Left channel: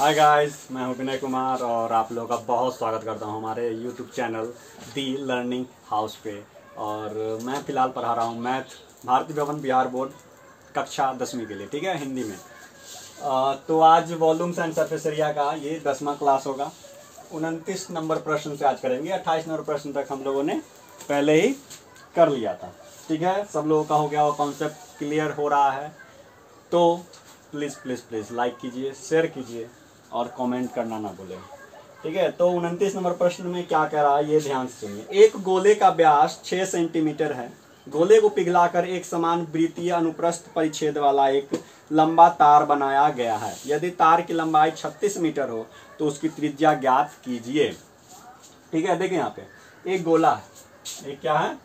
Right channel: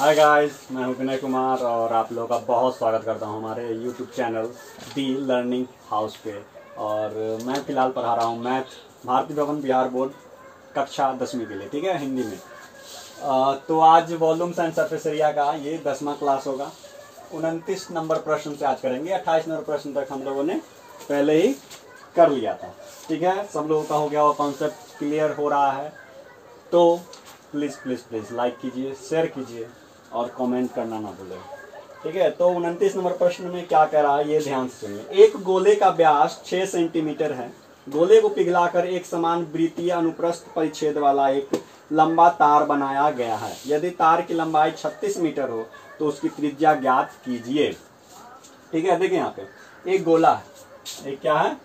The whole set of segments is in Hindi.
हाय गाइस, मैं हूं विनय कुमार और आप लोगों का बहुत स्वागत करता हूं हमारे यूट्यूब चैनल दी लर्निंग हाउस पे। और मैं फ़िलहाल पढ़ा रहा हूं मैथ भारतीय भवन बिहार बोर्ड कक्षा 10वीं के लिए, ठीक है, हिंदी में। तो आज वॉल्यूम्स एंड सरफेस एरिया का ये 10वां क्लास होगा। 29 नंबर प्रश्न से आज करेंगे। 28 नंबर प्रश्न तक हम लोगों ने पहले ही कर लिया था, ठीक है। सब लोगों का हो गया, वो कॉन्सेप्ट क्लियर हो रहा है। तो प्लीज़ प्लीज़ प्लीज़ लाइक कीजिए, शेयर कीजिए और कमेंट करना ना भूलें, ठीक है। तो 29 नंबर प्रश्न में क्या कह रहा है ये ध्यान से सुनिए। एक गोले का व्यास 6 सेंटीमीटर है। गोले को पिघलाकर एक समान वृत्तीय अनुप्रस्थ परिच्छेद वाला एक लंबा तार बनाया गया है। यदि तार की लंबाई 36 मीटर हो तो उसकी त्रिज्या ज्ञात कीजिए, ठीक है। देखिए यहाँ पे एक गोला है, एक क्या है,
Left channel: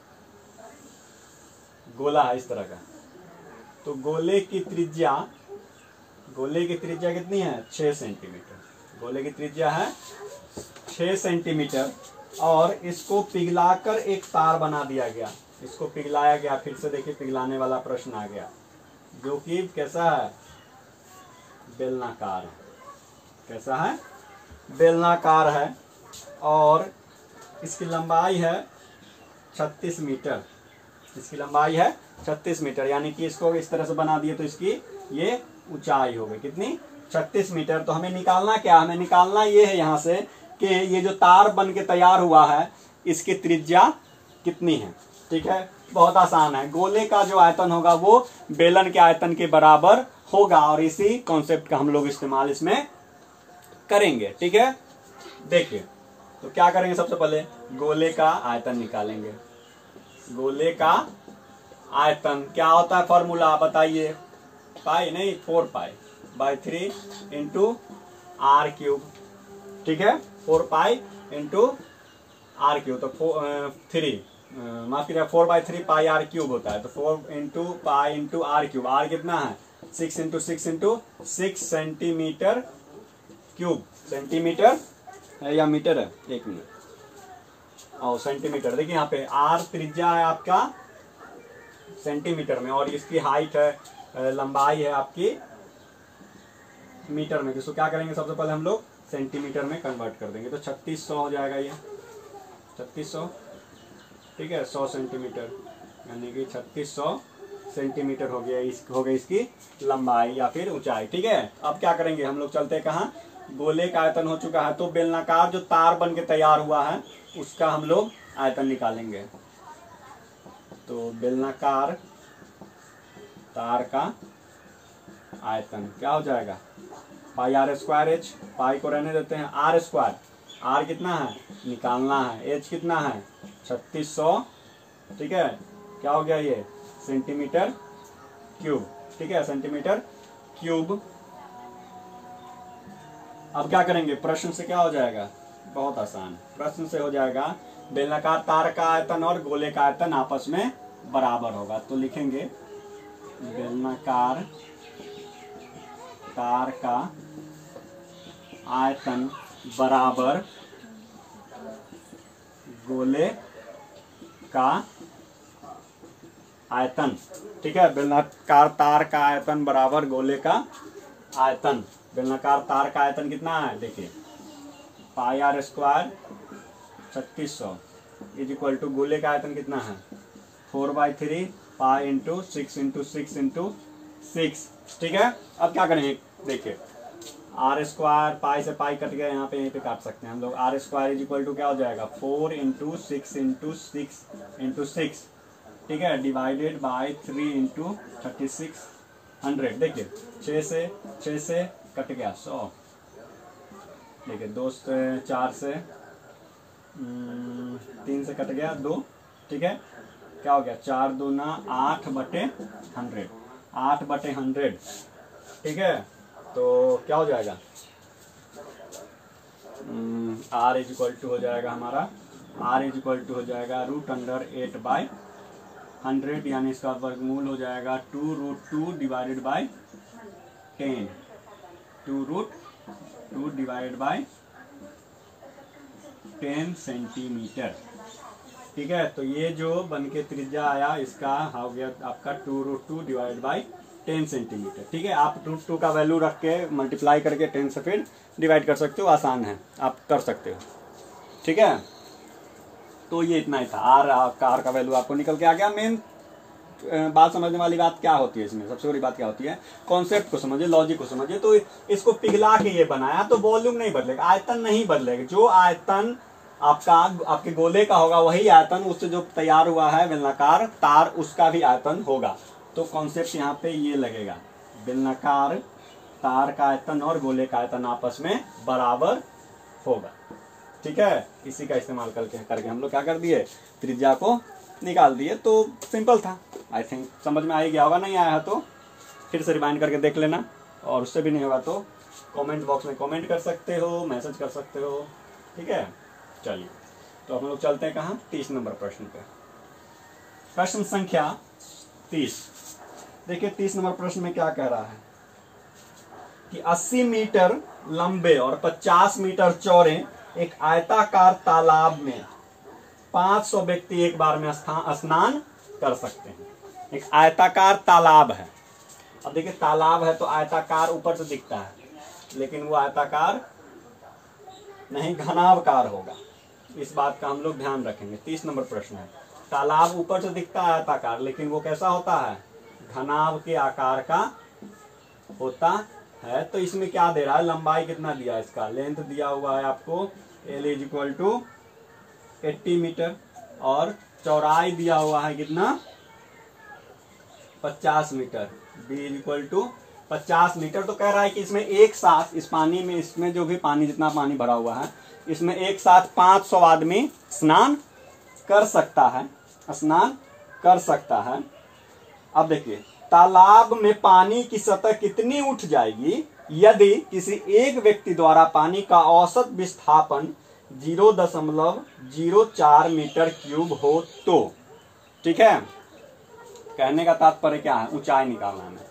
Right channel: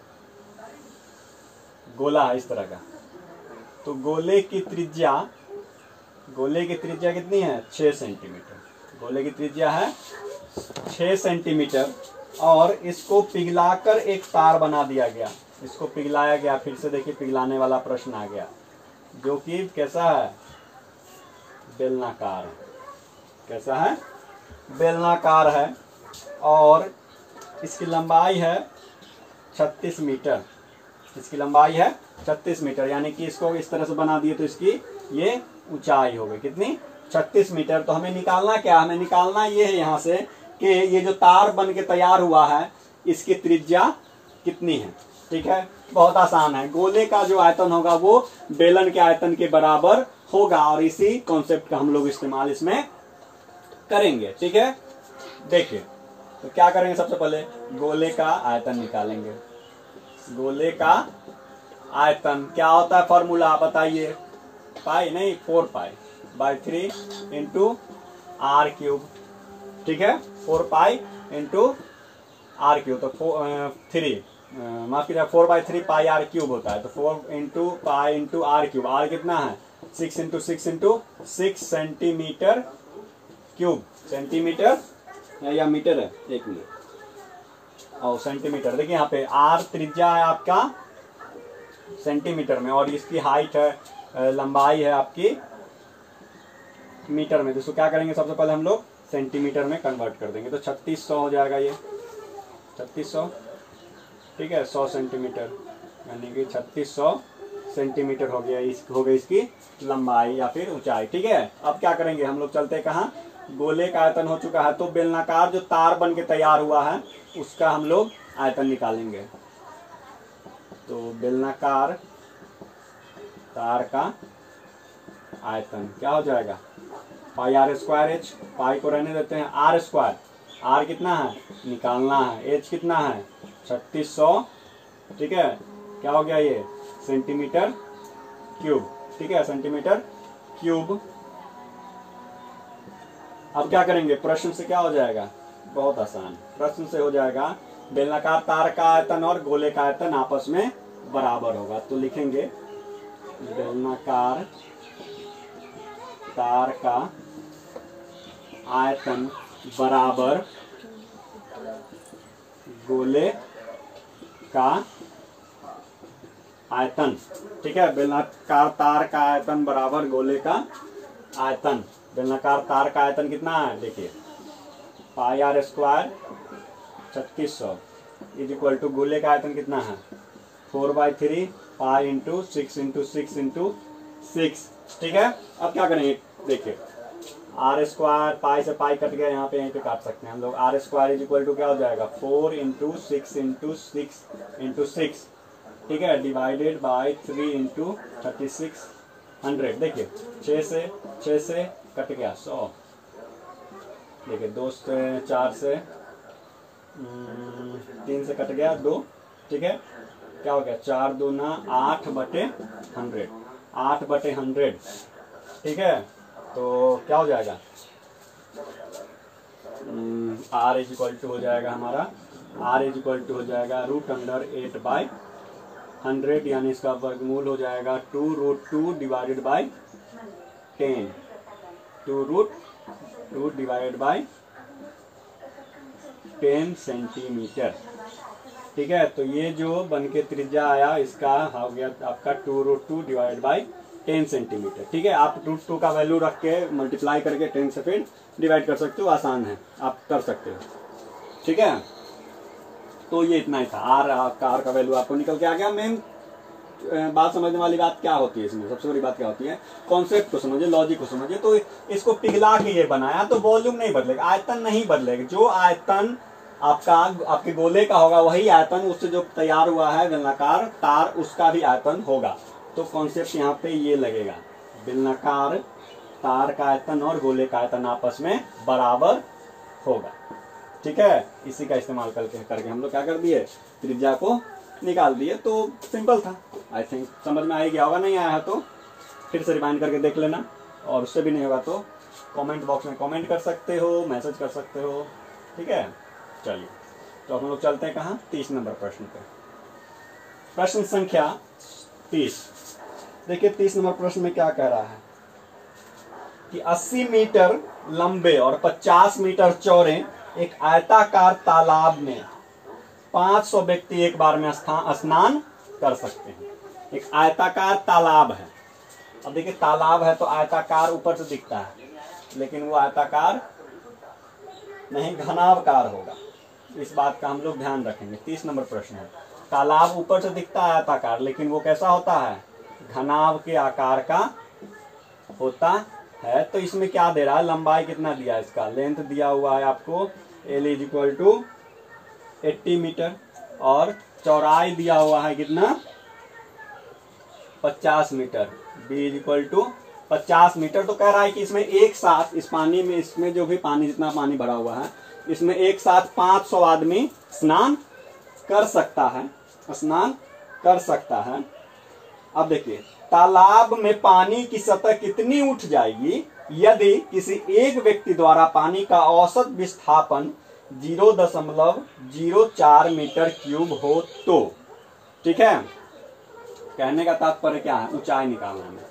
गोला है इस तरह का। तो गोले की त्रिज्या कितनी है? 6 सेंटीमीटर। गोले की त्रिज्या है 6 सेंटीमीटर और इसको पिघलाकर एक तार बना दिया गया। इसको पिघलाया गया, फिर से देखिए पिघलाने वाला प्रश्न आ गया, जो कि कैसा है? बेलनाकार है। कैसा है? बेलनाकार है और इसकी लंबाई है 36 मीटर। इसकी लंबाई है 36 मीटर, यानी कि इसको इस तरह से बना दिए तो इसकी ये ऊंचाई हो गई कितनी? 36 मीटर। तो हमें निकालना क्या? हमें निकालना ये है यहाँ से कि ये जो तार बन के तैयार हुआ है इसकी त्रिज्या कितनी है, ठीक है। बहुत आसान है। गोले का जो आयतन होगा वो बेलन के आयतन के बराबर होगा और इसी कॉन्सेप्ट का हम लोग इस्तेमाल इसमें करेंगे, ठीक है। देखिए तो क्या करेंगे, सबसे पहले गोले का आयतन निकालेंगे। गोले का आयतन क्या होता है? फॉर्मूला बताइए। पाई नहीं, 4 pi by 3 into r cube, ठीक है। 4 पाई इंटू आर क्यूब, तो 4/3 पाई आर क्यूब होता है। तो 4 into pi into r cube. R कितना है? 6 into 6 into 6 centimetre cube. Centimetre या मीटर है? एक मिनट। और सेंटीमीटर, देखिए यहाँ पे आर त्रिज्या है आपका सेंटीमीटर में और इसकी हाइट है, लंबाई है आपकी मीटर में। जिसको क्या करेंगे, सबसे पहले हम लोग सेंटीमीटर में कन्वर्ट कर देंगे। तो 3600 हो जाएगा ये 3600, ठीक है। 100 सेंटीमीटर यानी कि 3600 सेंटीमीटर हो गया। हो गई इसकी लंबाई या फिर ऊंचाई, ठीक है। अब क्या करेंगे, हम लोग चलते कहाँ? गोले का आयतन हो चुका है, तो बेलनाकार जो तार बन के तैयार हुआ है उसका हम लोग आयतन निकालेंगे। तो बेलनाकार तार का आयतन क्या हो जाएगा? पाई आर स्क्वायर एच। पाई को रहने देते हैं, आर स्क्वायर। आर कितना है? निकालना है। एच कितना है? 3600, ठीक है। क्या हो गया ये? सेंटीमीटर क्यूब, ठीक है, सेंटीमीटर क्यूब। अब क्या करेंगे, प्रश्न से क्या हो जाएगा? बहुत आसान। प्रश्न से हो जाएगा बेलनाकार तार का आयतन और गोले का आयतन आपस में बराबर होगा। तो लिखेंगे बेलनाकार तार का आयतन बराबर गोले का आयतन, ठीक है। बेलनाकार तार का आयतन बराबर गोले का आयतन। बेलनाकार तार का आयतन कितना है? देखिए pi r square 3600 is equal to गोले का आयतन कितना है? 4/3 पाई इंटू 6 इंटू 6 इंटू 6, ठीक है। अब क्या करेंगे, देखिए आर स्क्वायर, पाई से पाई कट गया, यहाँ पे यहीं पे काट सकते हैं हम लोग। R square is equal to क्या हो जाएगा? 4 इंटू 6 इंटू 6 इंटू 6, ठीक है, डिवाइडेड बाई 3 इंटू 3600। देखिए 6 से कट गया 100। देखिए 2 से 4 से 3 से कट गया 2, ठीक है। क्या हो गया? 4 दूना 8/100, 8/100, ठीक है। तो क्या हो जाएगा? आर इज इक्वल टू हो जाएगा हमारा, आर इज इक्वल टू हो जाएगा √8/100, यानी इसका वर्गमूल हो जाएगा 2√2 divided by 10, 2√2 divided by 10 centimetre, ठीक है। तो ये जो बन के त्रिज्या आया इसका हो गया आपका 2√2 डिवाइडेड बाई 10 सेंटीमीटर। ठीक है, आप √2 का वैल्यू रख के मल्टीप्लाई करके 10 से फिर डिवाइड कर सकते हो, आसान है, आप कर सकते हो। ठीक है, तो ये इतना ही था। आर का वैल्यू आपको निकल के आ गया। मेन बात समझने वाली बात क्या होती है इसमें, सबसे बड़ी बात क्या होती है, कॉन्सेप्ट को समझिए, लॉजिक को समझिए। तो इसको पिघला के ये बनाया तो वॉल्यूम नहीं बदलेगा, आयतन नहीं बदलेगा। जो आयतन आपके गोले का होगा वही आयतन उससे जो तैयार हुआ है बेलनाकार तार, उसका भी आयतन होगा। तो कॉन्सेप्ट यहाँ पे ये लगेगा, बेलनाकार तार का आयतन और गोले का आयतन आपस में बराबर होगा। ठीक है, इसी का इस्तेमाल करके हम लोग क्या कर दिए, त्रिज्या को निकाल दिए। तो सिंपल था, आई थिंक समझ में आ गया होगा। नहीं आया है तो फिर से रिवाइंड करके देख लेना, और उससे भी नहीं होगा तो कमेंट बॉक्स में कमेंट कर सकते हो, मैसेज कर सकते हो। ठीक है, चलिए तो हम लोग चलते हैं कहाँ, 30 नंबर प्रश्न पे। प्रश्न संख्या 30। देखिए 30 नंबर प्रश्न में क्या कह रहा है कि 80 मीटर लंबे और 50 मीटर चौड़े एक आयताकार तालाब में 500 व्यक्ति एक बार में स्नान कर सकते हैं। एक आयताकार तालाब है। अब देखिए तालाब है तो आयताकार ऊपर से दिखता है, लेकिन वो आयताकार नहीं घनावकार होगा। इस बात का हम लोग ध्यान रखेंगे। 30 नंबर प्रश्न है, तालाब ऊपर से दिखता है आयताकार, लेकिन वो कैसा होता है, घनाव के आकार का होता है। तो इसमें क्या दे रहा है, लंबाई कितना दिया है, इसका लेंथ दिया हुआ है आपको L = 80 मीटर, और चौड़ाई दिया हुआ है कितना, 50 मीटर, B = 50 मीटर। तो कह रहा है कि इसमें एक साथ इस पानी में, इसमें जो भी पानी, जितना पानी भरा हुआ है, इसमें एक साथ 500 आदमी स्नान कर सकता है, स्नान कर सकता है। अब देखिए तालाब में पानी की सतह कितनी उठ जाएगी यदि किसी एक व्यक्ति द्वारा पानी का औसत विस्थापन 0.04 मीटर क्यूब हो तो। ठीक है, कहने का तात्पर्य क्या है, ऊंचाई निकालना है,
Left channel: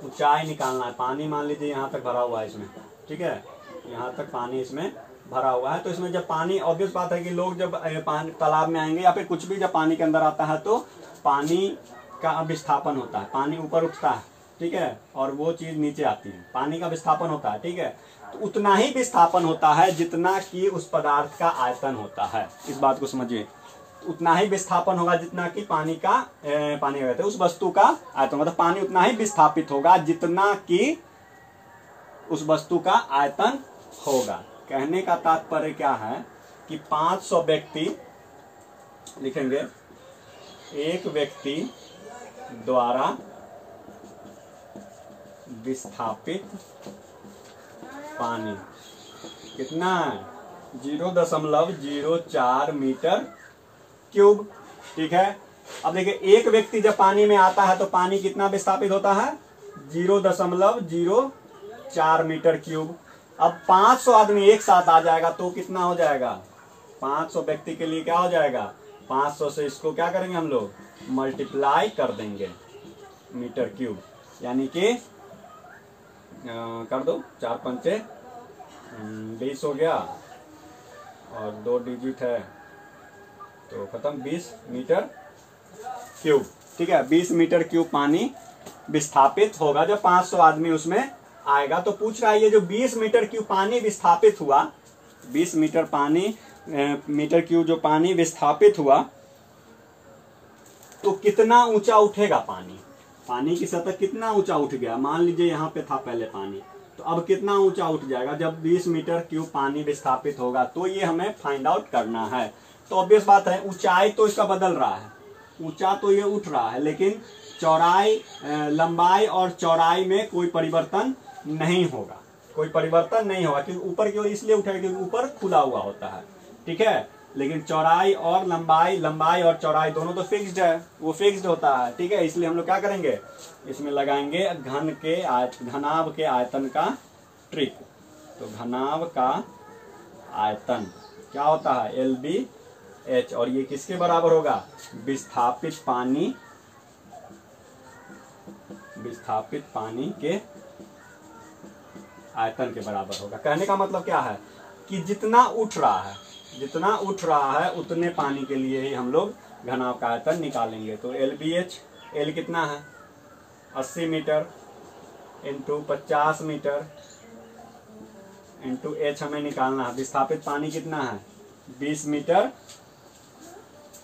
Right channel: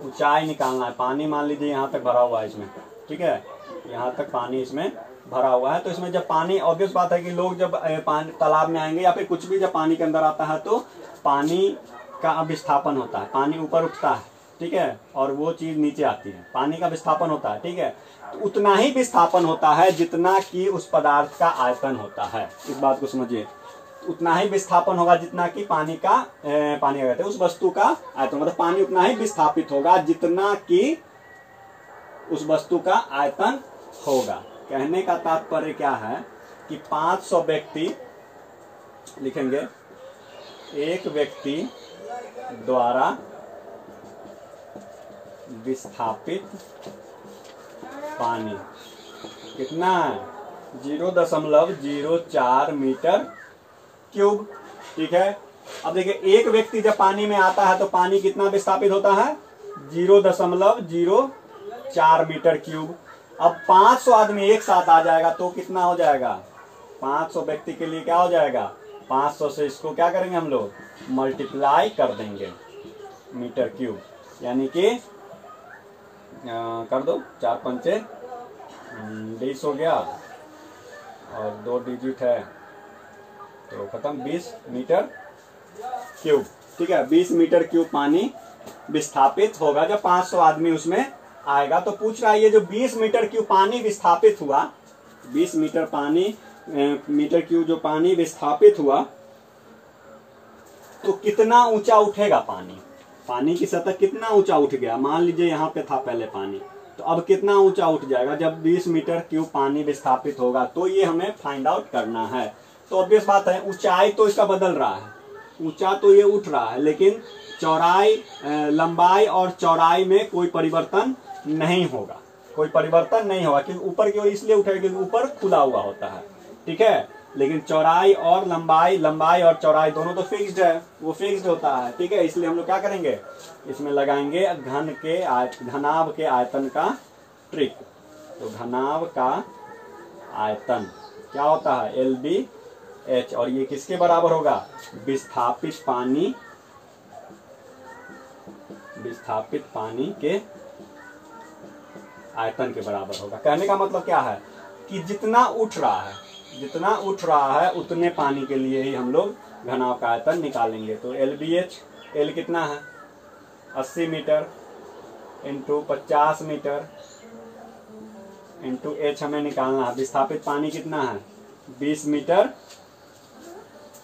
ऊंचाई निकालना है। पानी मान लीजिए यहाँ तक भरा हुआ है इसमें, ठीक है, यहाँ तक पानी इसमें भरा हुआ है। तो इसमें जब पानी, ऑब्वियस बात है कि लोग जब पानी तालाब में आएंगे या फिर कुछ भी जब पानी के अंदर आता है तो पानी का विस्थापन होता है, पानी ऊपर उठता है, ठीक है, और वो चीज नीचे आती है, पानी का विस्थापन होता है। ठीक है, तो उतना ही विस्थापन होता है जितना कि उस पदार्थ का आयतन होता है। इस बात को समझिए, उतना ही विस्थापन होगा जितना कि पानी का उस वस्तु का आयतन, मतलब पानी उतना ही विस्थापित होगा जितना कि उस वस्तु का आयतन होगा। कहने का तात्पर्य क्या है कि 500 व्यक्ति लिखेंगे, एक व्यक्ति द्वारा विस्थापित पानी कितना है, 0.04 मीटर क्यूब। ठीक है, अब देखिए एक व्यक्ति जब पानी में आता है तो पानी कितना विस्थापित होता है, 0.04 मीटर क्यूब। अब 500 आदमी एक साथ आ जाएगा तो कितना हो जाएगा, 500 व्यक्ति के लिए क्या हो जाएगा, 500 से इसको क्या करेंगे हम लोग, मल्टीप्लाई कर देंगे मीटर क्यूब, यानी कि कर दो 4 पंचे 20 हो गया, और 2 डिजिट है तो खत्म, 20 मीटर क्यूब। ठीक है, 20 मीटर क्यूब पानी विस्थापित होगा जब 500 आदमी उसमें आएगा। तो पूछ रहा है ये जो 20 मीटर क्यूब पानी विस्थापित हुआ, 20 मीटर क्यूब जो पानी विस्थापित हुआ, तो कितना ऊंचा उठेगा पानी, पानी की सतह कितना ऊंचा उठ गया। मान लीजिए यहाँ पे था पहले पानी, तो अब कितना ऊंचा उठ जाएगा जब 20 मीटर क्यूब पानी विस्थापित होगा। तो ये हमें फाइंड आउट करना है। तो ऑब्वियस बात है, ऊंचाई तो इसका बदल रहा है, ऊंचा तो ये उठ रहा है, लेकिन चौड़ाई, लंबाई और चौड़ाई में कोई परिवर्तन नहीं होगा, कोई परिवर्तन नहीं होगा, क्योंकि ऊपर की ओर इसलिए उठेगा क्योंकि ऊपर खुला हुआ होता है। ठीक है, लेकिन चौड़ाई और लंबाई और चौड़ाई दोनों तो फिक्स्ड है, वो फिक्स्ड होता है। ठीक है, इसलिए हम लोग क्या करेंगे, इसमें लगाएंगे घनाभ के आयतन का ट्रिक। तो घनाभ का आयतन क्या होता है, LBH, और ये किसके बराबर होगा, विस्थापित पानी के आयतन के बराबर होगा। कहने का मतलब क्या है कि जितना उठ रहा है उतने पानी के लिए ही हम लोग घनाभ का आयतन निकालेंगे। तो LBH, L कितना है, 80 metre into 50 metre into h हमें निकालना है। विस्थापित पानी कितना है 20 मीटर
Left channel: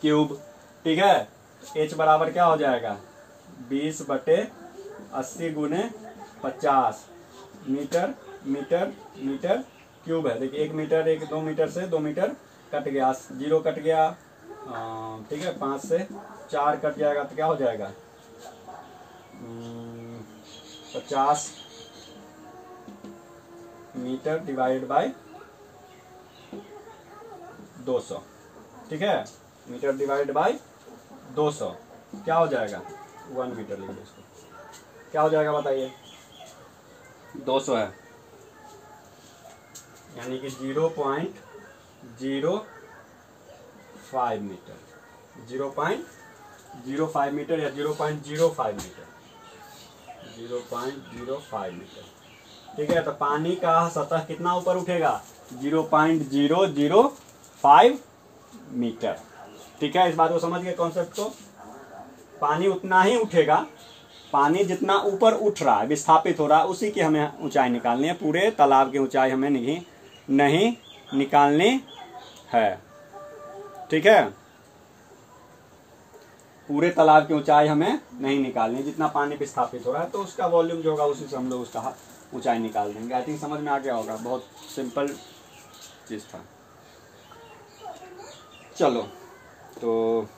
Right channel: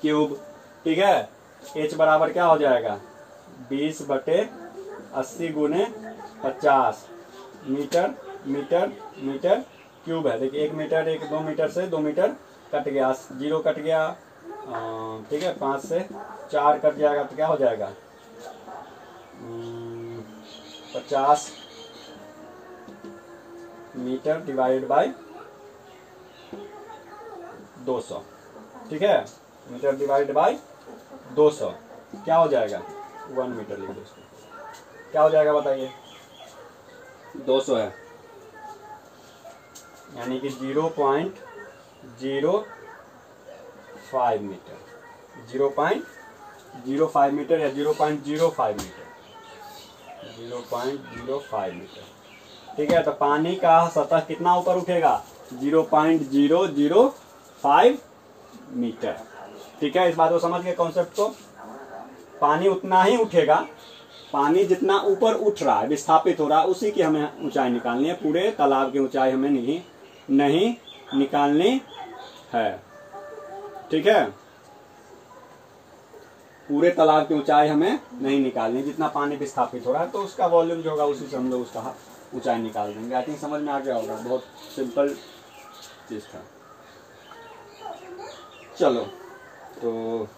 क्यूब। ठीक है, एच बराबर क्या हो जाएगा 20/80 गुने 50 मीटर मीटर मीटर क्यूब है। देखिए 1 मीटर 2 मीटर से 2 मीटर कट गया, 0 कट गया। ठीक है, 5 से 4 कट जाएगा तो क्या हो जाएगा 50 मीटर डिवाइड बाय 200। ठीक है, मीटर डिवाइड बाय 200 क्या हो जाएगा 1 मीटर लिख दो इसको। क्या हो जाएगा बताइए 200 है, यानी कि 0.05 मीटर, 0.05 मीटर या 0.05 मीटर, 0.05 मीटर। ठीक है, तो पानी का सतह कितना ऊपर उठेगा 0.005 मीटर। ठीक है, इस बात को समझ गए कॉन्सेप्ट को। पानी उतना ही उठेगा, पानी जितना ऊपर उठ रहा है विस्थापित हो रहा है उसी की हमें ऊंचाई निकालनी है। पूरे तालाब की ऊंचाई हमें नहीं निकालनी है। ठीक है, पूरे तालाब की ऊंचाई हमें नहीं निकालनी, जितना पानी विस्थापित हो रहा है तो उसका वॉल्यूम जो होगा उसी से हम लोग उसका ऊंचाई निकाल देंगे। आई थिंक समझ में आ गया होगा, बहुत सिंपल चीज था। चलो तो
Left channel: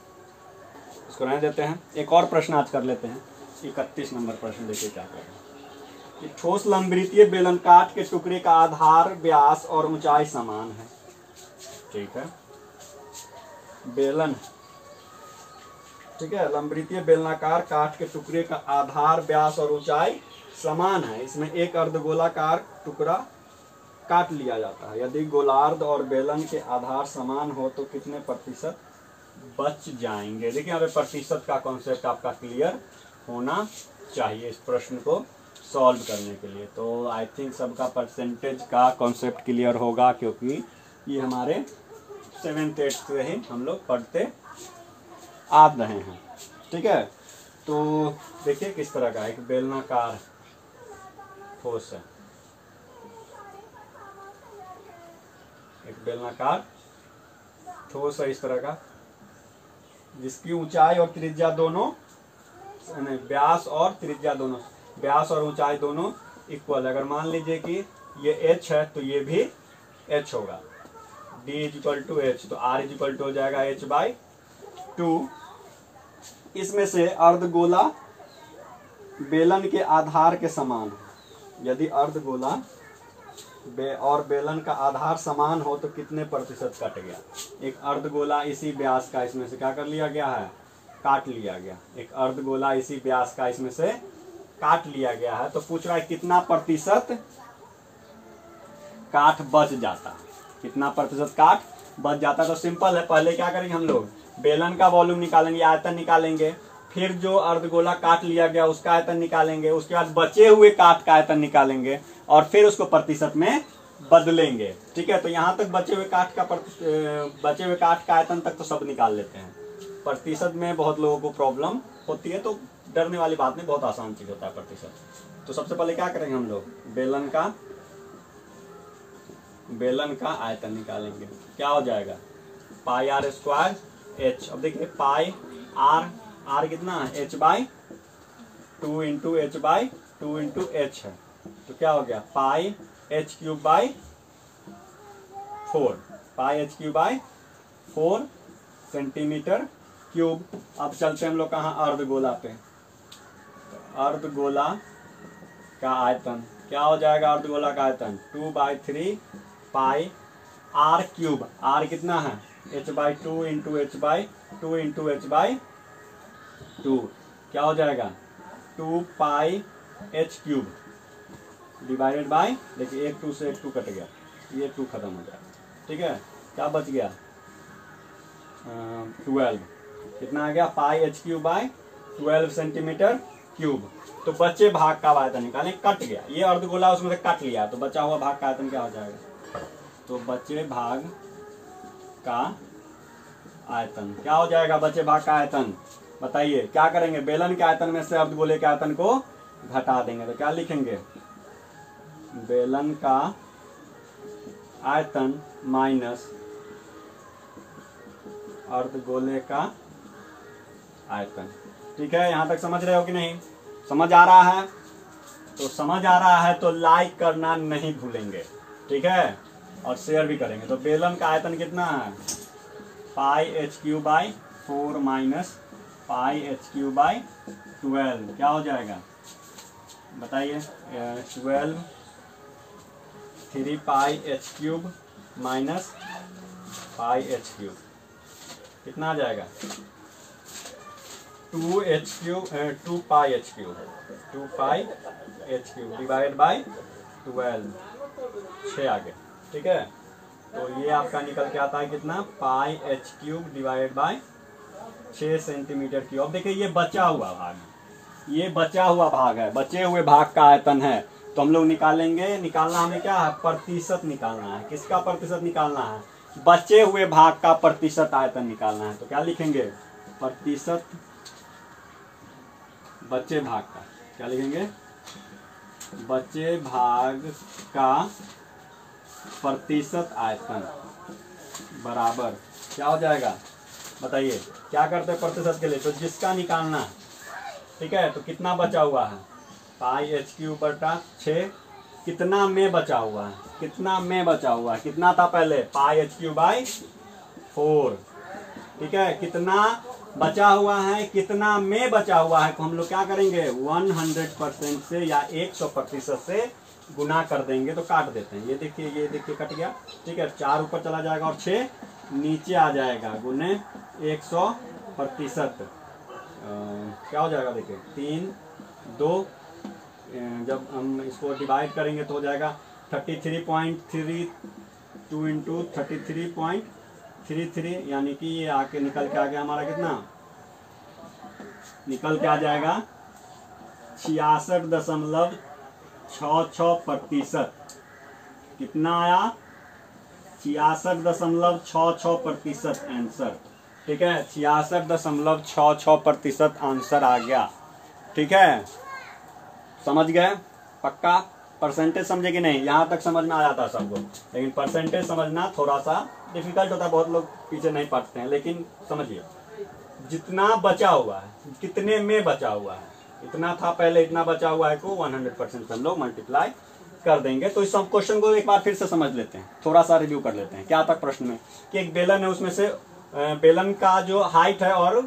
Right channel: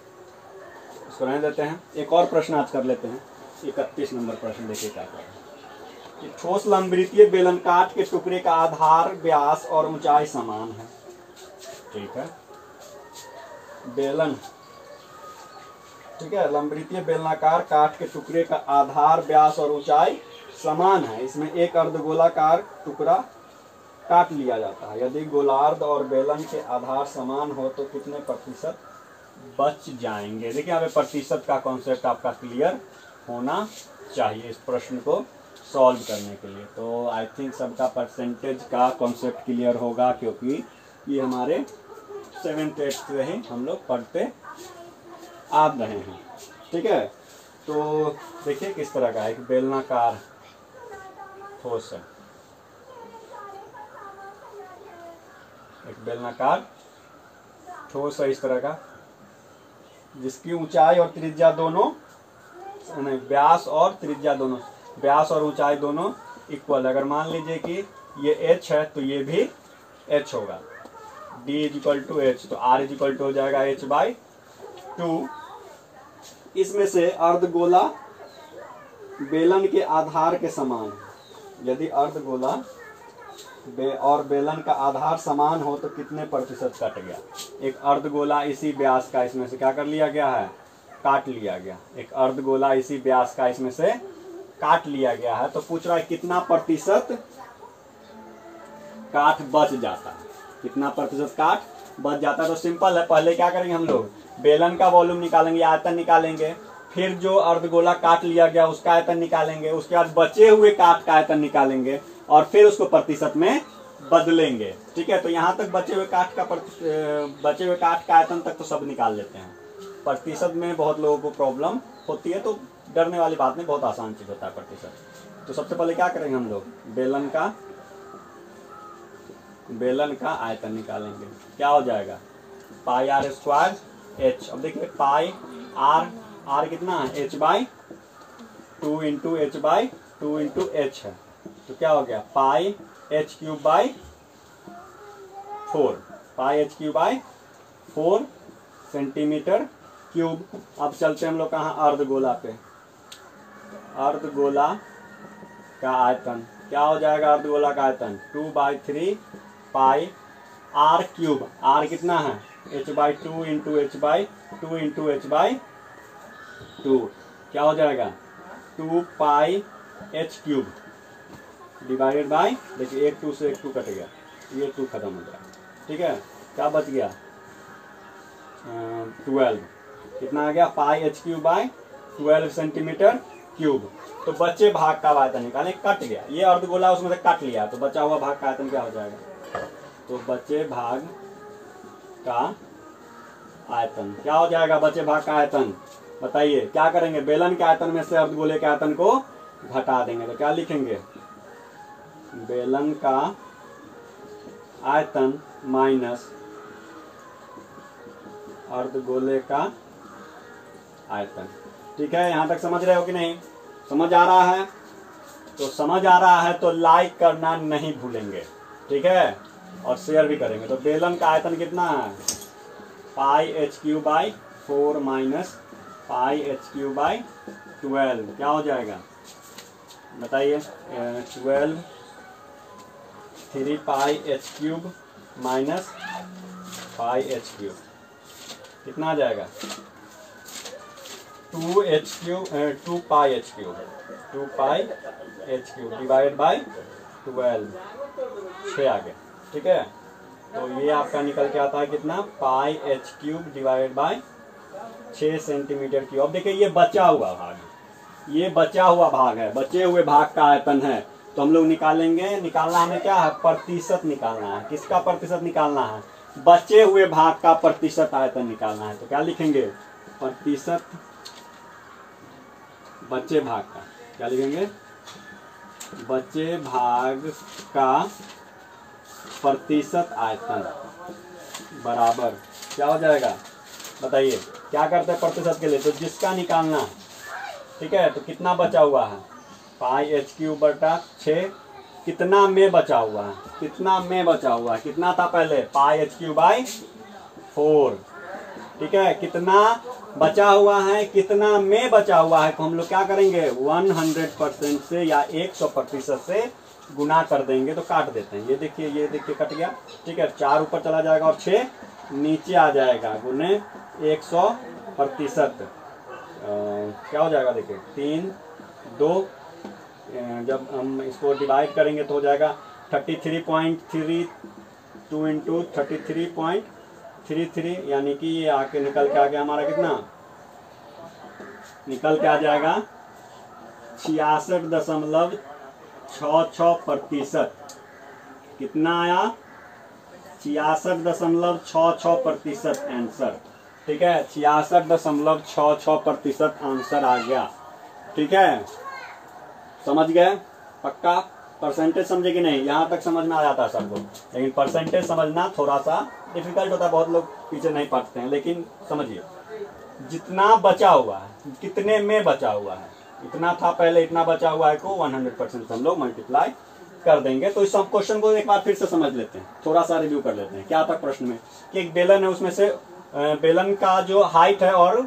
इसको रहने देते हैं, एक और प्रश्न आज कर लेते हैं। 31 नंबर प्रश्न देखिए क्या कह रहे हैं कि ठोस लंबवृत्तीय बेलन काट के टुकड़े का आधार व्यास और ऊंचाई समान है। ठीक है, बेलन, ठीक है, लंबवृत्तीय बेलनाकार काट के टुकड़े का आधार व्यास और ऊंचाई समान है। इसमें एक अर्धगोलाकार टुकड़ा काट लिया जाता है। यदि गोलार्ध और बेलन के आधार समान हो तो कितने प्रतिशत बच जाएंगे। देखिए यहाँ पे प्रतिशत का कॉन्सेप्ट आपका क्लियर होना चाहिए इस प्रश्न को सॉल्व करने के लिए। तो आई थिंक सबका परसेंटेज का कॉन्सेप्ट क्लियर होगा, क्योंकि ये हमारे 7th 8th से ही हम लोग पढ़ते आ रहे हैं। ठीक है, तो देखिए किस तरह का एक बेलनाकार ठोस है, एक बेलनाकार ठोस है इस तरह का, जिसकी ऊंचाई और त्रिज्या दोनों, व्यास और त्रिज्या दोनों, व्यास और ऊंचाई दोनों इक्वल। अगर मान लीजिए कि ये h है तो ये भी h होगा, d = h, तो r = हो जाएगा h/2। इसमें से अर्धगोला बेलन के आधार के समान, यदि अर्धगोला और बेलन का आधार समान हो तो कितने प्रतिशत कट गया। एक अर्धगोला इसी व्यास का इसमें से क्या कर लिया गया है, काट लिया गया। एक अर्धगोला इसी व्यास का इसमें से काट लिया गया है, तो पूछ रहा है कितना प्रतिशत काट बच जाता है, कितना प्रतिशत काट बच जाता है। तो सिंपल है, पहले क्या करेंगे हम लोग बेलन का वॉल्यूम निकालेंगे, आयतन निकालेंगे, फिर जो अर्धगोला काट लिया गया उसका आयतन निकालेंगे, उसके बाद बचे हुए काट का आयतन निकालेंगे और फिर उसको प्रतिशत में बदलेंगे। ठीक है, तो यहाँ तक बचे हुए काट का आयतन तक तो सब निकाल लेते हैं। प्रतिशत में बहुत लोगों को प्रॉब्लम होती है, तो डरने वाली बात नहीं, बहुत आसान चीज होता है प्रतिशत। तो सबसे पहले क्या करेंगे हम लोग बेलन का आयतन निकालेंगे। क्या हो जाएगा πr² h। अब देखिए पाई r कितना है h/2 × h/2 × h है, तो क्या हो गया πh3/4 सेंटीमीटर क्यूब। अब चलते हम लोग कहाँ अर्धगोला पे। अर्धगोला का आयतन क्या हो जाएगा, अर्धगोला का आयतन 2/3 पाई r3। r कितना है h/2 × h/2 × h/2, क्या हो जाएगा 2πh³ डिवाइडेड बाय, देखिए 1 2 से 1 2 कट गया, ये 2 खत्म हो गया। ठीक है, क्या बच गया 12, कितना आ गया πh³/12 सेंटीमीटर क्यूब। तो बचे भाग का आयतन निकालें, कट गया ये अर्धगोला, उसमें से काट लिया, तो बचा हुआ भाग का आयतन क्या हो जाएगा, तो बचे भाग का आयतन क्या हो जाएगा, बचे भाग का आयतन बताइए क्या करेंगे, बेलन के आयतन में से अर्धगोले के आयतन को घटा देंगे तो क्या लिखेंगे, बेलन का आयतन माइनस अर्धगोले का आयतन। ठीक है, यहां तक समझ रहे हो कि नहीं? समझ आ रहा है? तो समझ आ रहा है तो लाइक करना नहीं भूलेंगे, ठीक है, और शेयर भी करेंगे। तो बेलन का आयतन कितना है, pi h cube by 4 minus pi h cube by 12 क्या हो जाएगा बताइए, 12 3 pi h cube minus pi h cube कितना आ जाएगा, 2 pi h cube 2 pi h cube divide by 12 6 आ गया। ठीक है, तो ये आपका निकल के आता है कितना, pi h cube divide by 6 centimetre cube. अब देखिए ये बचा हुआ भाग है, ये बचा हुआ भाग है, बचे हुए भाग का आयतन है, तो हम लोग निकालेंगे, निकालना हमें क्या है, प्रतिशत निकालना है। किसका प्रतिशत निकालना है, बचे हुए भाग का प्रतिशत आयतन निकालना है। तो क्या लिखेंगे, प्रतिशत बचे भाग का, क्या लिखेंगे, बचे भाग का प्रतिशत आयतन बराबर क्या हो जाएगा बताइए। क्या करते हैं प्रतिशत के लिए, तो जिसका निकालना है, ठीक है, तो कितना बचा हुआ है, पाई एच क्यूब बटा 6, कितना में बचा हुआ है, कितना में बचा हुआ है, कितना था पहले, पाई एच क्यूब बाई 4। ठीक है, कितना बचा हुआ है, कितना में बचा हुआ है, तो हम लोग क्या करेंगे 100% से या 100% से गुना कर देंगे, तो काट देते हैं। ये देखिए कट गया। ठीक है, 4 ऊपर चला जाएगा और 6 नीचे आ जाएगा, गुने 100%। क्या हो जाएगा देखिए, 3 2, जब हम इसको डिवाइड करेंगे तो हो जाएगा 33.32 इंटू 33.33, यानी कि ये आके निकल के आ गया हमारा कितना, निकल के आ जाएगा 66.66%। कितना आया, 66.66% आंसर। ठीक है, 66.66% आंसर आ गया। ठीक है, समझ गए, पक्का? परसेंटेज समझे कि नहीं, यहां तक समझ में आ जाता है सबको, लेकिन परसेंटेज समझना थोड़ा सा डिफिकल्ट होता है, बहुत लोग पीछे नहीं पढ़ते हैं। लेकिन समझिए, जितना बचा हुआ है, कितने में बचा हुआ है, इतना था पहले, इतना बचा हुआ है को 100% हम लोग मल्टीप्लाई कर देंगे। तो इस सब क्वेश्चन को एक बार फिर से समझ लेते हैं, थोड़ा सा रिव्यू कर लेते हैं। क्या था प्रश्न में, कि एक बेलन है, उसमें से बेलन का जो हाइट है और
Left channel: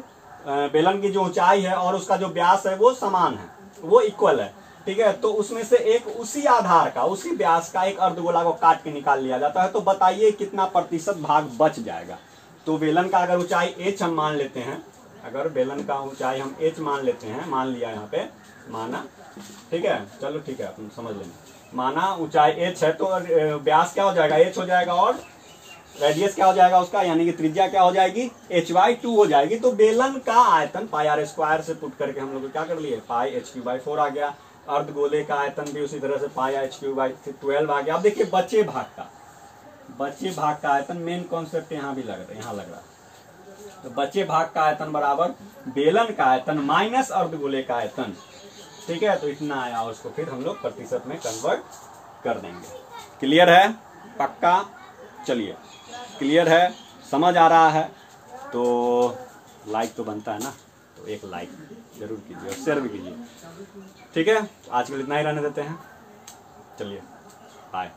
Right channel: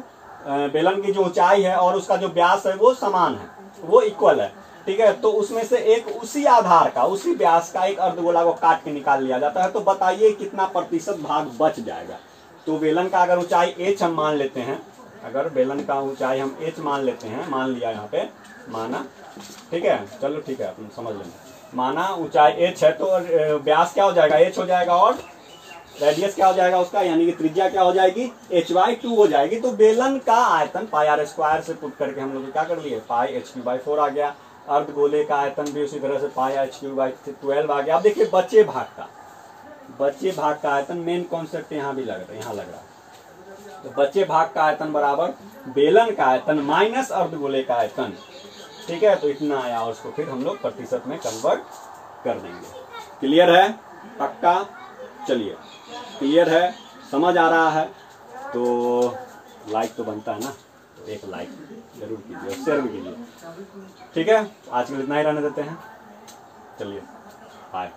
बेलन की जो ऊंचाई है और उसका जो व्यास है वो समान है, वो इक्वल है। ठीक है, तो उसमें से एक उसी आधार का, उसी व्यास का एक अर्धगोला को काट के निकाल लिया जाता है। तो बताइए कितना प्रतिशत भाग बच जाएगा। तो बेलन का अगर ऊंचाई h हम मान लेते हैं, अगर बेलन का ऊंचाई हम h मान लेते हैं, मान लिया यहाँ पे, माना, ठीक है, चलो ठीक है, अपन समझ लेंगे, माना ऊंचाई h है, तो व्यास क्या हो जाएगा, h हो जाएगा, और रेडियस क्या हो जाएगा उसका, यानी कि त्रिज्या क्या हो जाएगी, h/2 हो जाएगी। तो बेलन का आयतन पाई r स्क्वायर से पुट करके हम लोग क्या कर लिए, पाई h/4 आ गया। अर्धगोले का आयतन भी उसी तरह से पाई h/12 आ गया। अब देखिए बचे भाग का आयतन, मेन कॉन्सेप्ट यहाँ भी लग रहा है। तो बचे भाग का आयतन बराबर बेलन का आयतन माइनस अर्धगोले का आयतन। ठीक है, तो इतना आया, और उसको फिर हम लोग प्रतिशत में कन्वर्ट कर देंगे। क्लियर है, पक्का? चलिए, क्लियर है, समझ आ रहा है तो लाइक तो बनता है ना, तो एक लाइक जरूर कीजिए और शेयर भी कीजिए। ठीक है, आज के लिए इतना ही रहने देते हैं। चलिए, बाय।